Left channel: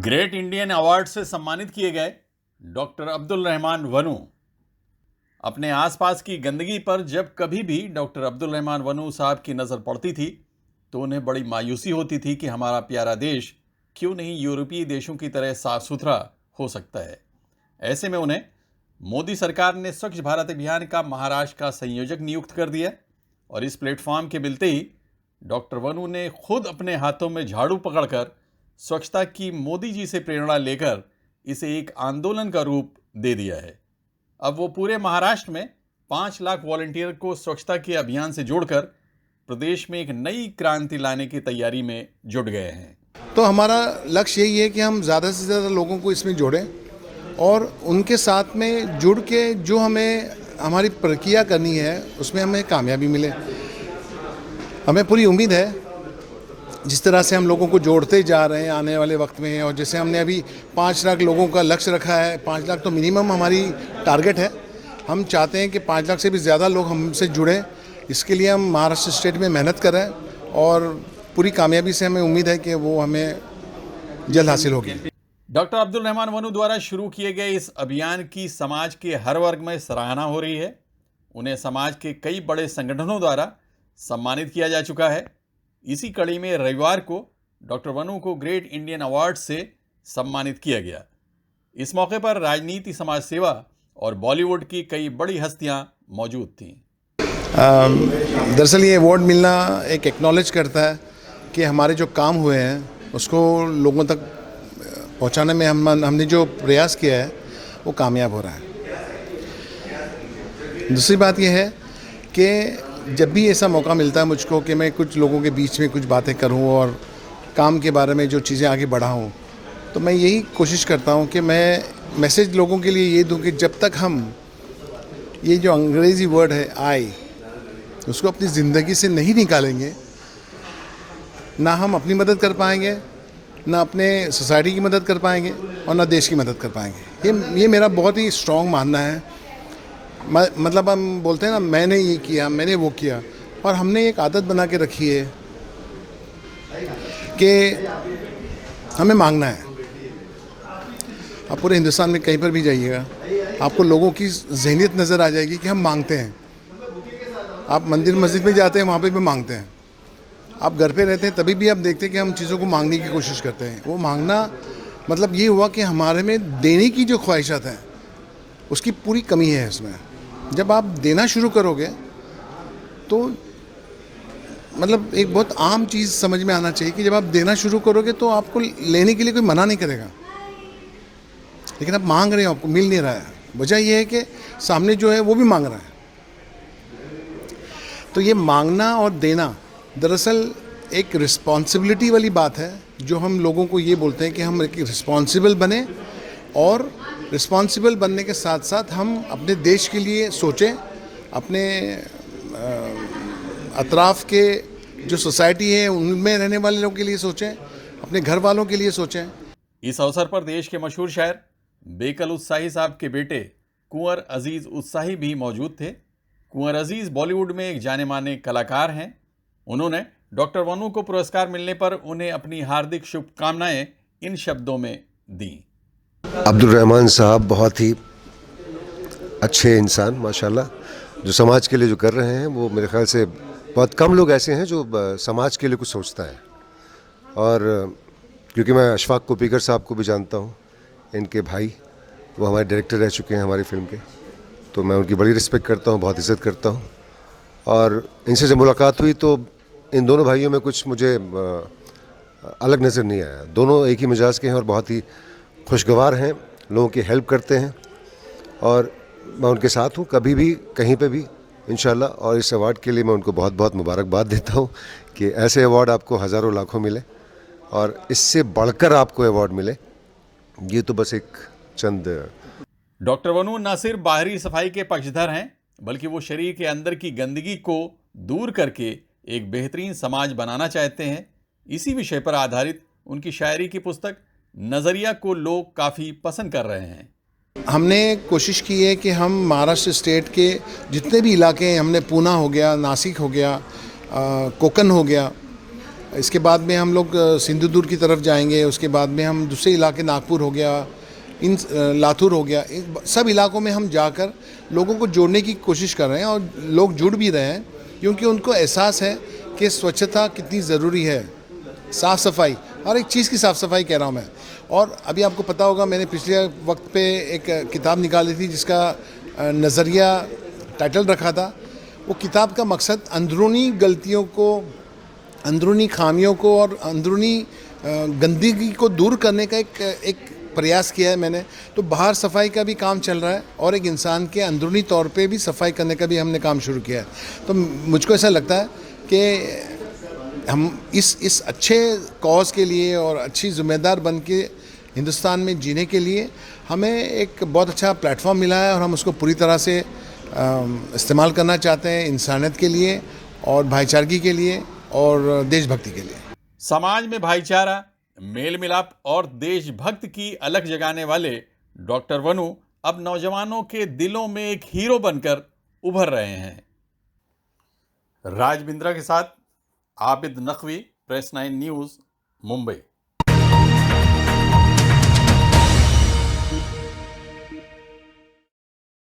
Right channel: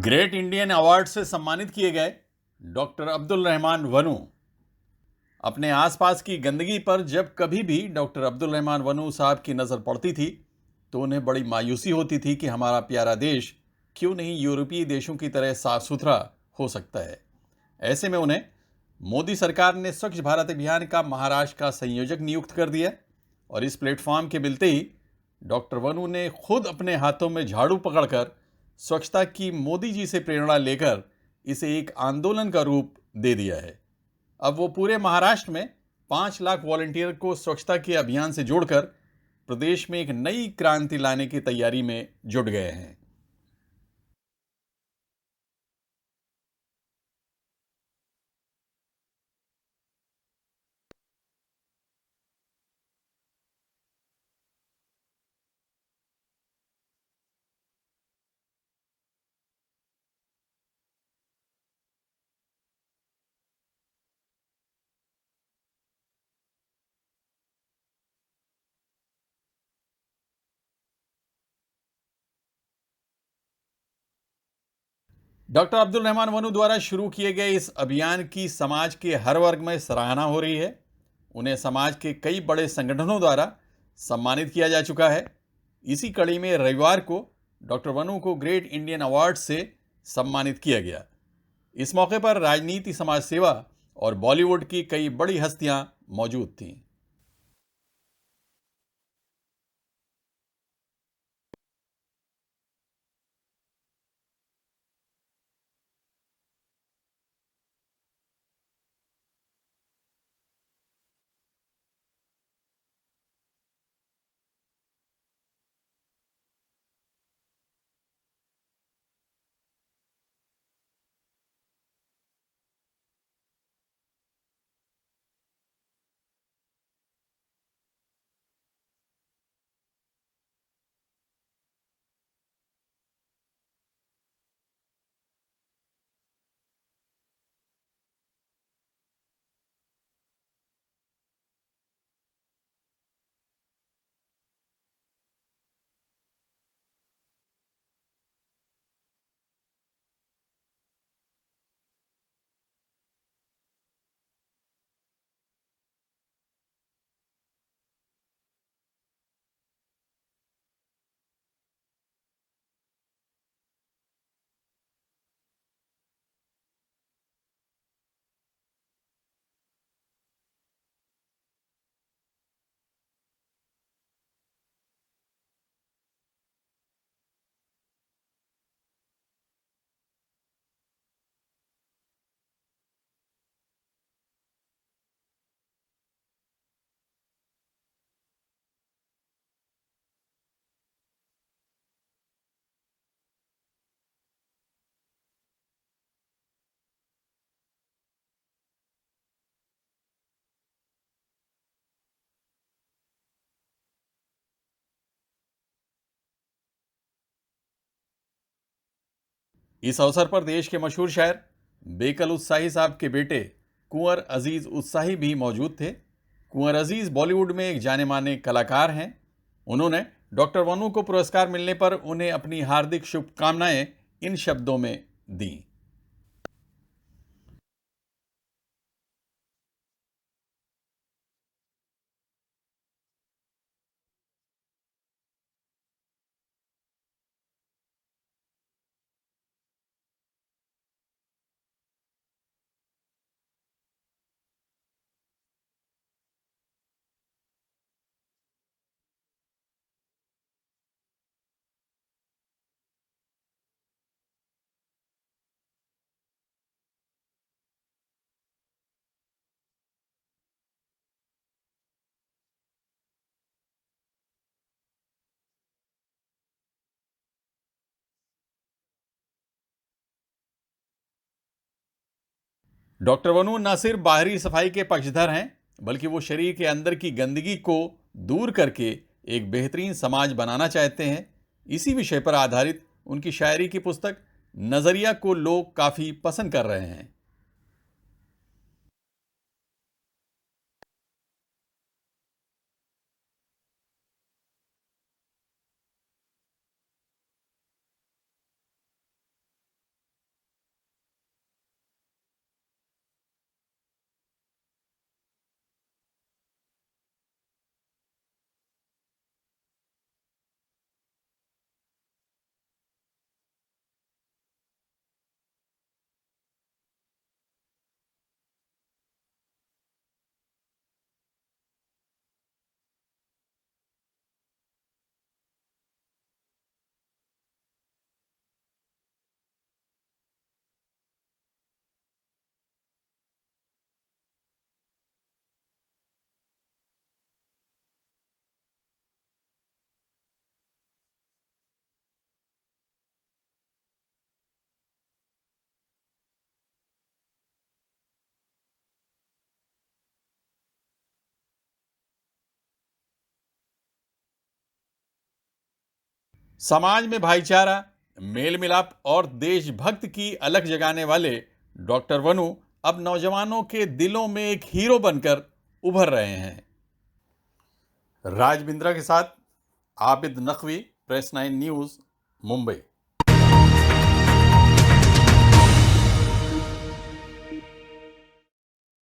Great Indian award से सम्मानित किए गए डॉक्टर अब्दुल रहमान वनू। अपने आसपास की गंदगी पर जब कभी भी डॉक्टर अब्दुल रहमान वनू साहब की नज़र पड़ती थी तो उन्हें बड़ी मायूसी होती थी कि हमारा प्यारा देश क्यों नहीं यूरोपीय देशों की तरह साफ सुथरा हो सकता है। ऐसे में उन्हें मोदी सरकार ने स्वच्छ भारत अभियान का महाराष्ट्र का संयोजक नियुक्त कर दिया और इस प्लेटफॉर्म के मिलते ही डॉक्टर वनू ने खुद अपने हाथों में झाड़ू पकड़कर स्वच्छता की मोदी जी से प्रेरणा लेकर इसे एक आंदोलन का रूप दे दिया है। अब वो पूरे महाराष्ट्र में 5 लाख वॉलंटियर को स्वच्छता के अभियान से जोड़कर प्रदेश में एक नई क्रांति लाने की तैयारी में जुट गए हैं। तो हमारा लक्ष्य यही है कि हम ज़्यादा से ज़्यादा लोगों को इसमें जोड़ें और उनके साथ में जुड़ के जो हमें हमारी प्रक्रिया करनी है उसमें हमें कामयाबी मिले। हमें पूरी उम्मीद है जिस तरह से हम लोगों को जोड़ते जा रहे हैं आने वाले वक्त में, और जैसे हमने अभी 5 लाख लोगों का लक्ष्य रखा है, 5 लाख तो मिनिमम हमारी टारगेट है। हम चाहते हैं कि 5 लाख से भी ज़्यादा लोग हमसे जुड़ें। इसके लिए हम महाराष्ट्र स्टेट में मेहनत कर रहे हैं और पूरी कामयाबी से हमें उम्मीद है कि वो हमें जल्द हासिल होगी। डॉक्टर अब्दुल रहमान वनू द्वारा शुरू किए गए इस अभियान की समाज के हर वर्ग में सराहना हो रही है। उन्हें समाज के कई बड़े संगठनों द्वारा सम्मानित किया जा चुका है। इसी कड़ी में रविवार को डॉक्टर वनू को ग्रेट इंडियन अवार्ड से सम्मानित किया गया। इस मौके पर राजनीति, समाज सेवा और बॉलीवुड की कई बड़ी हस्तियां मौजूद थीं। दरअसल ये अवार्ड मिलना एक एक्नॉलेज करता है कि हमारे जो काम हुए हैं उसको लोगों तक पहुंचाने में हमने जो प्रयास किया है वो कामयाब हो रहा है। दूसरी बात यह है कि जब भी ऐसा मौका मिलता है मुझको कि मैं कुछ लोगों के बीच में कुछ बातें करूं और काम के बारे में जो चीज़ें आगे बढ़ाऊं, तो मैं यही कोशिश करता हूं कि मैं मैसेज लोगों के लिए ये दूं कि जब तक हम ये जो अंग्रेज़ी वर्ड है आई उसको अपनी ज़िंदगी से नहीं निकालेंगे, ना हम अपनी मदद कर पाएंगे, ना अपने सोसाइटी की मदद कर पाएंगे और ना देश की मदद कर पाएंगे। ये मेरा बहुत ही स्ट्रॉन्ग मानना है। मतलब हम बोलते हैं ना, मैंने ये किया, मैंने वो किया, और हमने एक आदत बना के रखी है कि हमें मांगना है। आप पूरे हिंदुस्तान में कहीं पर भी जाइएगा आपको लोगों की ज़हनियत नज़र आ जाएगी कि हम मांगते हैं। आप मंदिर मस्जिद में जाते हैं वहाँ पे भी मांगते हैं। आप घर पे रहते हैं तभी भी आप देखते हैं कि हम चीज़ों को मांगने की कोशिश करते हैं। वो मांगना मतलब ये हुआ कि हमारे में देने की जो ख्वाहिशात हैं उसकी पूरी कमी है इसमें। जब आप देना शुरू करोगे तो मतलब एक बहुत आम चीज़ समझ में आना चाहिए कि जब आप देना शुरू करोगे तो आपको लेने के लिए कोई मना नहीं करेगा, लेकिन आप मांग रहे हो, आपको मिल नहीं रहा है। वजह यह है कि सामने जो है वो भी मांग रहा है। तो ये मांगना और देना दरअसल एक रिस्पॉन्सिबिलिटी वाली बात है, जो हम लोगों को ये बोलते हैं कि हम एक रिस्पॉन्सिबल बने, और रिस्पॉन्सिबल बनने के साथ साथ हम अपने देश के लिए सोचें, अपने अतराफ़ के जो सोसाइटी है उनमें रहने वाले लोगों के लिए सोचें, अपने घर वालों के लिए सोचें। इस अवसर पर देश के मशहूर शायर बेकल उत्साही साहब के बेटे कुंवर अजीज उत्साही भी मौजूद थे। कुंवर अजीज बॉलीवुड में एक जाने माने कलाकार हैं। उन्होंने डॉक्टर वनू को पुरस्कार मिलने पर उन्हें अपनी हार्दिक शुभकामनाएं इन शब्दों में दी। अब्दुल रहमान साहब बहुत ही अच्छे इंसान माशाल्लाह, जो समाज के लिए जो कर रहे हैं वो मेरे ख्याल से बहुत कम लोग ऐसे हैं जो समाज के लिए कुछ सोचता है। और क्योंकि मैं अशफाक कोपीकर साहब को भी जानता हूँ, इनके भाई, वो हमारे डायरेक्टर रह चुके हैं हमारी फिल्म के, तो मैं उनकी बड़ी रिस्पेक्ट करता हूँ, बहुत इज़्ज़त करता हूँ। और इनसे जब मुलाकात हुई तो इन दोनों भाइयों में कुछ मुझे अलग नज़र नहीं आया। दोनों एक ही मिजाज के हैं और बहुत ही खुशगवार हैं, लोगों की हेल्प करते हैं, और मैं उनके साथ हूँ कभी भी कहीं पे भी इंशाल्लाह। और इस अवार्ड के लिए मैं उनको बहुत बहुत मुबारकबाद देता हूँ कि ऐसे अवार्ड आपको हज़ारों लाखों मिले और इससे बढ़कर आपको अवार्ड मिले, ये तो बस एक चंद। डॉक्टर वनू न सिर्फ बाहरी सफाई के पक्षधर हैं, बल्कि वो शरीर के अंदर की गंदगी को दूर करके एक बेहतरीन समाज बनाना चाहते हैं। इसी विषय पर आधारित उनकी शायरी की पुस्तक नज़रिया को लोग काफ़ी पसंद कर रहे हैं। हमने कोशिश की है कि हम महाराष्ट्र स्टेट के जितने भी इलाके हैं, हमने पूना हो गया, नासिक हो गया, कोकण हो गया, इसके बाद में हम लोग सिंधुदुर्ग की तरफ जाएंगे, उसके बाद में हम दूसरे इलाके नागपुर हो गया, इन लातूर हो गया, सब इलाकों में हम जाकर लोगों को जोड़ने की कोशिश कर रहे हैं और लोग जुड़ भी रहे हैं क्योंकि उनको एहसास है कि स्वच्छता कितनी ज़रूरी है, साफ़ सफाई, हर एक चीज़ की साफ़ सफाई कह रहा हूँ मैं। और अभी आपको पता होगा मैंने पिछले वक्त पे एक किताब निकाली थी जिसका नज़रिया टाइटल रखा था। वो किताब का मकसद अंदरूनी गलतियों को, अंदरूनी खामियों को और अंदरूनी गंदगी को दूर करने का एक प्रयास किया है मैंने। तो बाहर सफाई का भी काम चल रहा है और एक इंसान के अंदरूनी तौर पे भी सफाई करने का भी हमने काम शुरू किया है। तो मुझको ऐसा लगता है कि हम इस अच्छे कॉज के लिए और अच्छी ज़िम्मेदार बन के हिंदुस्तान में जीने के लिए हमें एक बहुत अच्छा प्लेटफॉर्म मिला है और हम उसको पूरी तरह से इस्तेमाल करना चाहते हैं इंसानियत के लिए और भाईचारगी के लिए और देशभक्ति के लिए। समाज में भाईचारा, मेल मिलाप और देशभक्त की अलख जगाने वाले डॉक्टर वनु अब नौजवानों के दिलों में एक हीरो बनकर उभर रहे हैं। राज बिंद्रा के साथ आबिद नकवी, प्रेस 9 न्यूज़, मुंबई।